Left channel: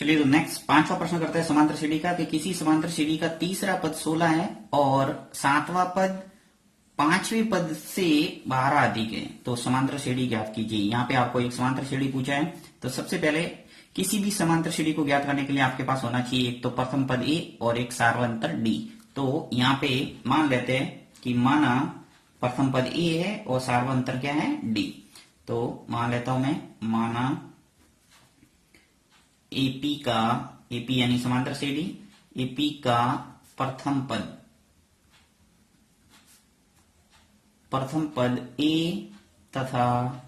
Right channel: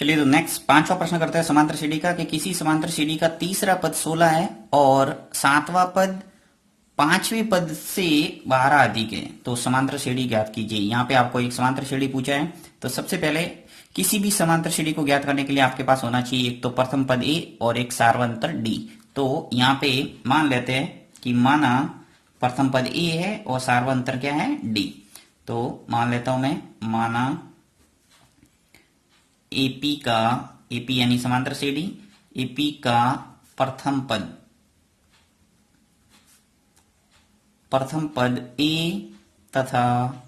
चलिए तो नेक्स्ट पांचवा प्रश्न करते हैं समांतर श्रेणी का कि किसी समांतर श्रेणी का तीसरा पद 16 है और सातवां पद पांचवें पद से 12 अधिक है, तो समांतर श्रेणी ज्ञात कीजिए। यहाँ पे आपको एक समांतर श्रेणी पूछा है, तो सबसे पहले किसी भी समांतर श्रेणी को ज्ञात करने के लिए आपके पास होना चाहिए एक तो प्रथम पद ए और एक सार्वंतर डी। तो यहाँ पे मान लेते हैं कि माना प्रथम पद ए है और सार्वंतर क्या है, डी। तो मान लेता हूं मैं, माना एपी का, एपी यानी समांतर श्रेणी, एपी का प्रथम पद ए तथा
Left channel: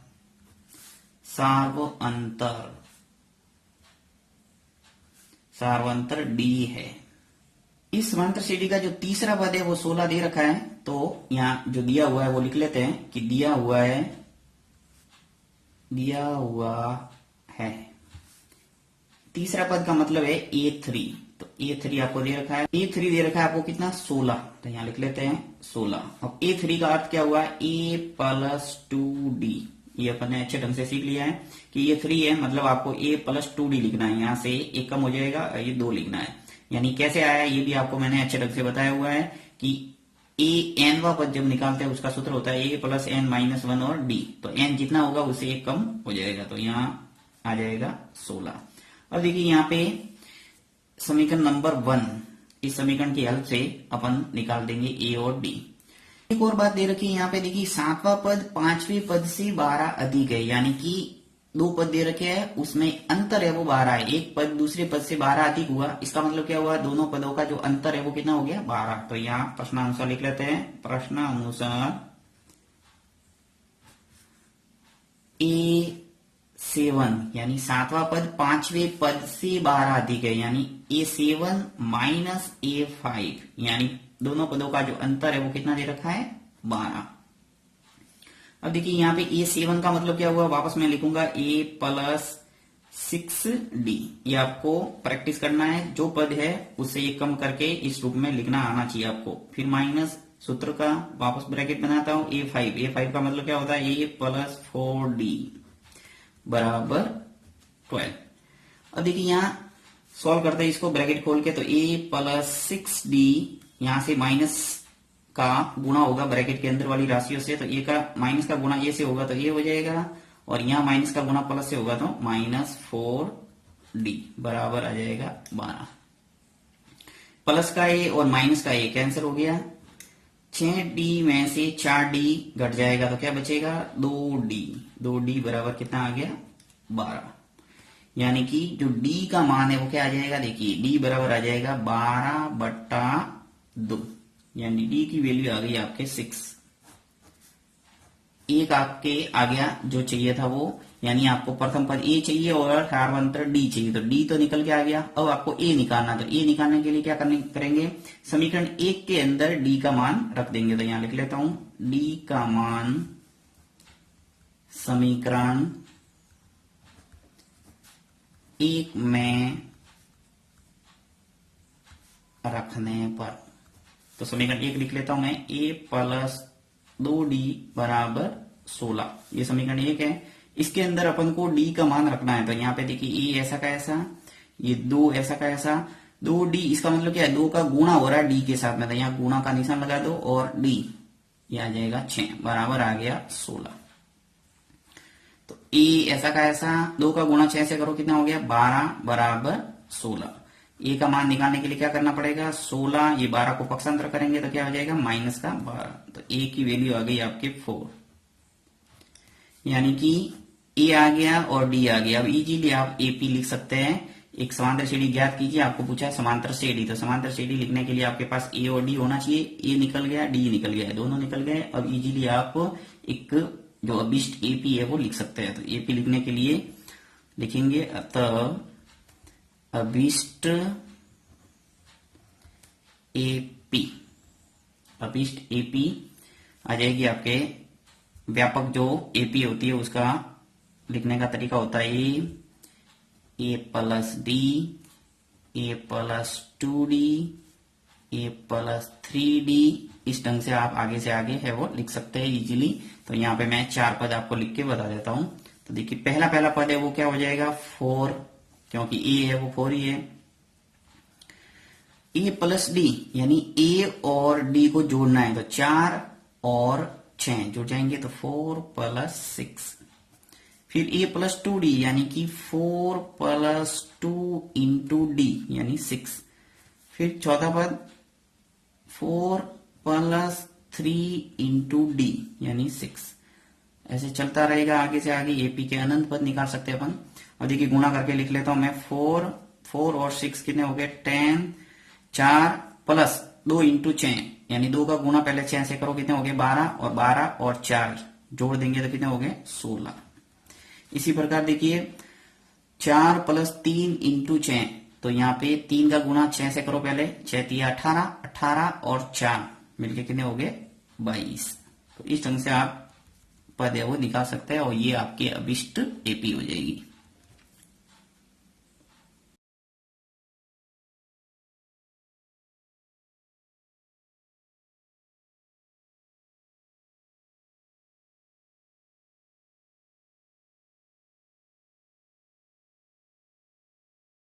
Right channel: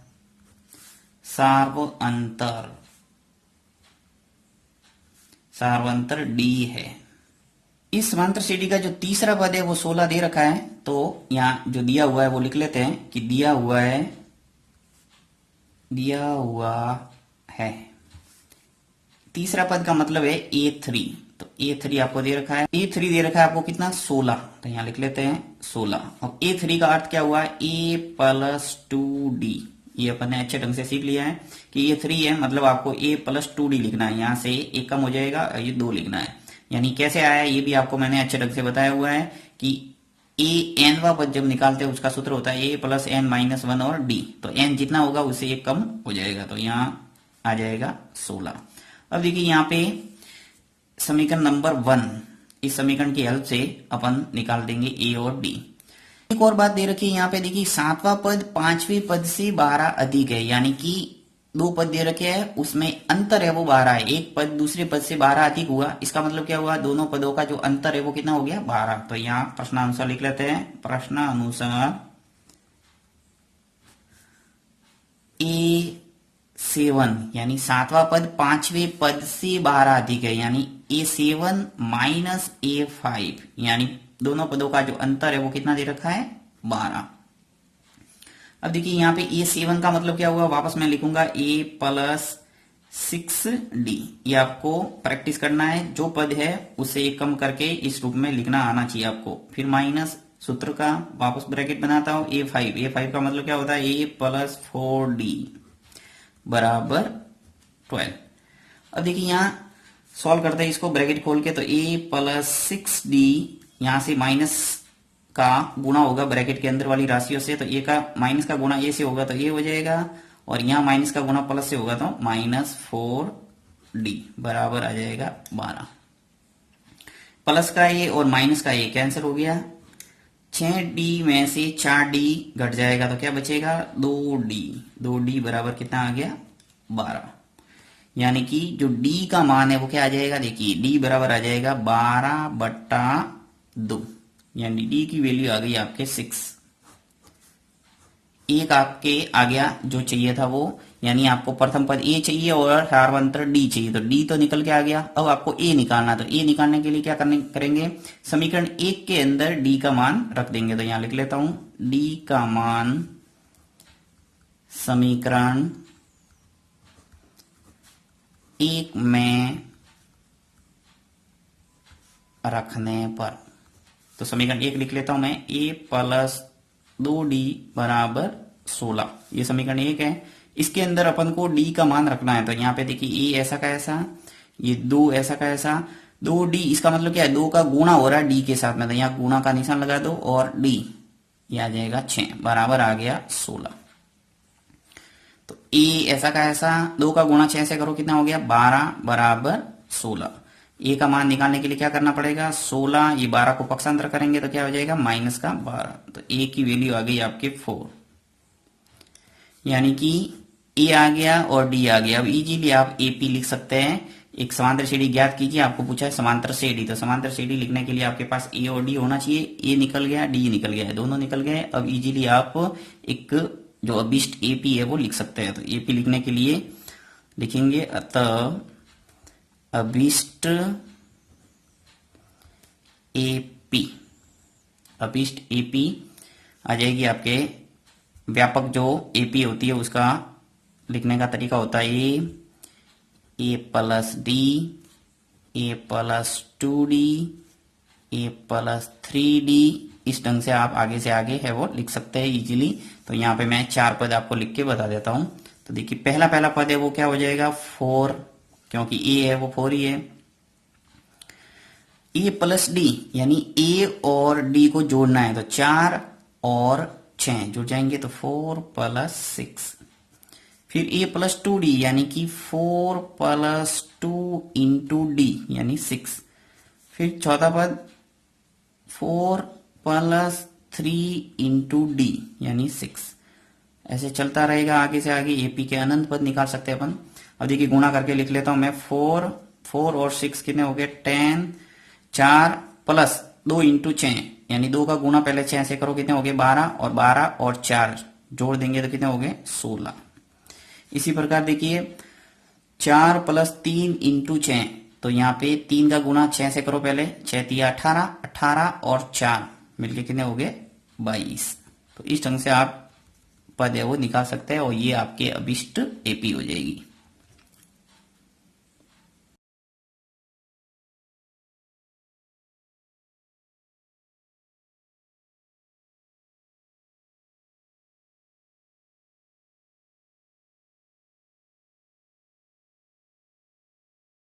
सार्वंतर डी है। इस समांतर श्रेणी का जो तीसरा पद है वो 16 दे रखा है, तो यहां जो दिया हुआ है वो लिख लेते हैं कि दिया हुआ है तीसरा पद का मतलब है A3। तो A3 आपको दे रखा है, A3 दे रखा है आपको कितना, 16। तो यहां लिख लेते हैं 16। और A3 का अर्थ क्या हुआ, A प्लस 2D। ये अपन ने अच्छे ढंग से सीख लिया है कि ये 3 है, मतलब आपको A प्लस 2D लिखना है। यहां से एक कम हो जाएगा, ये 2 लिखना है। यानी कैसे आया ये भी आपको मैंने अच्छे ढंग से बताया हुआ है कि ए एनवा पद जब निकालते हैं उसका सूत्र होता है ए प्लस एन माइनस 1 और डी। तो एन जितना होगा उससे एक कम हो जाएगा, तो यहाँ आ जाएगा 16। अब देखिए यहाँ पे समीकरण नंबर 1, इस समीकरण की हेल्प से अपन निकाल देंगे ए और डी। एक और बात दे रखी है यहाँ पे, देखिए सातवां पद पांचवें पद से 12 अधिक है, यानी कि 2 पद दे रखे हैं उसमें अंतर है वो 12 है। एक पद दूसरे पद से 12 अधिक हुआ, इसका मतलब क्या हुआ, दोनों पदों का जो अंतर है वो कितना हो गया, 12। तो यहाँ प्रश्नानुसार लिख लेते हैं, प्रश्नानुसार A7 यानी सातवां पद पांचवें पद से 12 अधिक है, यानी A7 माइनस A5, यानी दोनों पदों का जो अंतर है वो कितना दे रखा है, 12। अब देखिए यहाँ पे A7 का मतलब क्या हुआ, वापस मैं लिखूंगा A प्लस 6D। ये आपको प्रैक्टिस करना है, जो पद है उसे एक कम करके इस रूप में लिखना आना चाहिए आपको। फिर माइनस सूत्र का वापस ब्रैकेट बनाता हूं, A5 का मतलब क्या होता है, A प्लस 4D बराबर 12। अब देखिए यहाँ सॉल्व करते हैं इसको ब्रैकेट खोल के, तो A प्लस 6D यहां से माइनस का गुणा होगा ब्रैकेट के अंदर वाली राशियों से, तो ए का माइनस का गुणा ए से होगा तो ए हो जाएगा, और यहां माइनस का गुणा प्लस से होगा तो माइनस 4D बराबर आ जाएगा 12। प्लस का ए और माइनस का ए कैंसिल हो गया, 6D में से 4D घट जाएगा तो क्या बचेगा, 2D बराबर कितना आ गया, 12। यानी कि जो D का मान है वो क्या आ जाएगा, देखिए D बराबर आ जाएगा 12/2, यानी D की वैल्यू आ गई आपके 6। एक आपके आ गया जो चाहिए था वो, यानी आपको प्रथम पद A चाहिए और सार्वंतर D चाहिए, तो D तो निकल के आ गया। अब आपको A निकालना, तो A निकालने के लिए क्या करेंगे, समीकरण 1 के अंदर D का मान रख देंगे। तो यहां लिख लेता हूं, D का मान समीकरण 1 में रखने पर, तो समीकरण 1 लिख लेता हूं मैं, A प्लस 2D बराबर 16। ये समीकरण 1 है, इसके अंदर अपन को D का मान रखना है। तो यहाँ पे देखिए A ऐसा का ऐसा, ये 2 ऐसा का ऐसा, 2D इसका मतलब क्या है, 2 का गुणा हो रहा है D के साथ में, तो यहाँ गुणा का निशान लगा दो और D ये आ जाएगा 6 बराबर आ गया 16। तो A ऐसा का ऐसा, 2 का गुणा 6 से करो कितना हो गया, 12 बराबर 16। ए का मान निकालने के लिए क्या करना पड़ेगा, 16, ये 12 को पक्षांतर करेंगे तो क्या हो जाएगा, माइनस का 12। तो ए की वैल्यू आ गई आपके 4, यानी कि ए आ गया और डी आ गया। अब इजीली आप एपी लिख सकते हैं। एक समांतर श्रेणी ज्ञात कीजिए, आपको पूछा है समांतर श्रेणी, तो समांतर श्रेणी लिखने के लिए आपके पास ए और डी होना चाहिए। ए निकल गया, डी निकल गया, दोनों निकल गए। अब इजीली आप एक जो अभिष्ट एपी है वो लिख सकते हैं। तो एपी लिखने के लिए लिखेंगे, अतः अभिष्ट एपी, अभिष्ट एपी आ जाएगी आपके, व्यापक जो एपी होती है उसका लिखने का तरीका होता है ए प्लस डी, ए प्लस 2D, ए प्लस 3D। इस ढंग से आप आगे से आगे है वो लिख सकते हैं इजीली। तो यहाँ पे मैं 4 पद आपको लिख के बता देता हूं। तो देखिए पहला पद है वो क्या हो जाएगा, 4 क्योंकि ए है वो 4 ही है। ए प्लस डी यानी ए और डी को जोड़ना है, तो 4 और 6 जुड़ जाएंगे, तो 4 प्लस 6। फिर ए प्लस 2d यानी कि 4 प्लस 2 इंटू डी यानी 6। फिर चौथा पद 4 प्लस 3 इंटू डी यानी 6। ऐसे चलता रहेगा आगे से आगे, एपी के अनंत पद निकाल सकते हैं अपन। अब देखिए गुणा करके लिख लेता हूं मैं, 4 और 6 कितने हो गए 10, 4 प्लस 2 इंटू 6 यानी 2 का गुणा पहले 6 से करो, कितने हो गए 12, और 12 और 4 जोड़ देंगे तो कितने हो गए 16। इसी प्रकार देखिए 4 प्लस 3 इंटू 6, तो यहाँ पे 3 का गुणा 6 से करो पहले, 6 3 18, 18 और 4 मिलके कितने हो गए 22। तो इस ढंग से आप पद है वो निकाल सकते हैं और ये आपके अभिष्ट एपी हो जाएगी।